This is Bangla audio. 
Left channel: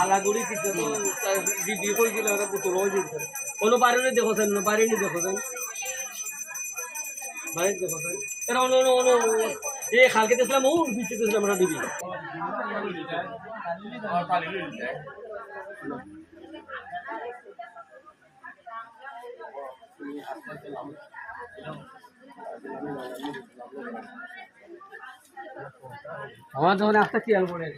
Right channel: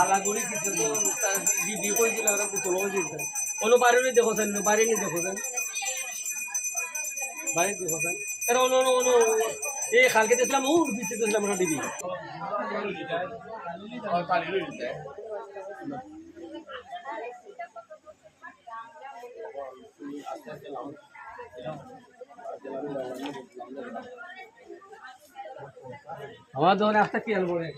আলাগুড়ি কিছু বিয়ে করেছিল বোতল কোনো বাড়ি দেখছেন বাড়ি নি দেখছেন বাড়ি দেখছেন কেন এই খালকে দেখলাম ও বিচে দেখলাম আমরা দিবি আমার যখন একটা কি আল পরে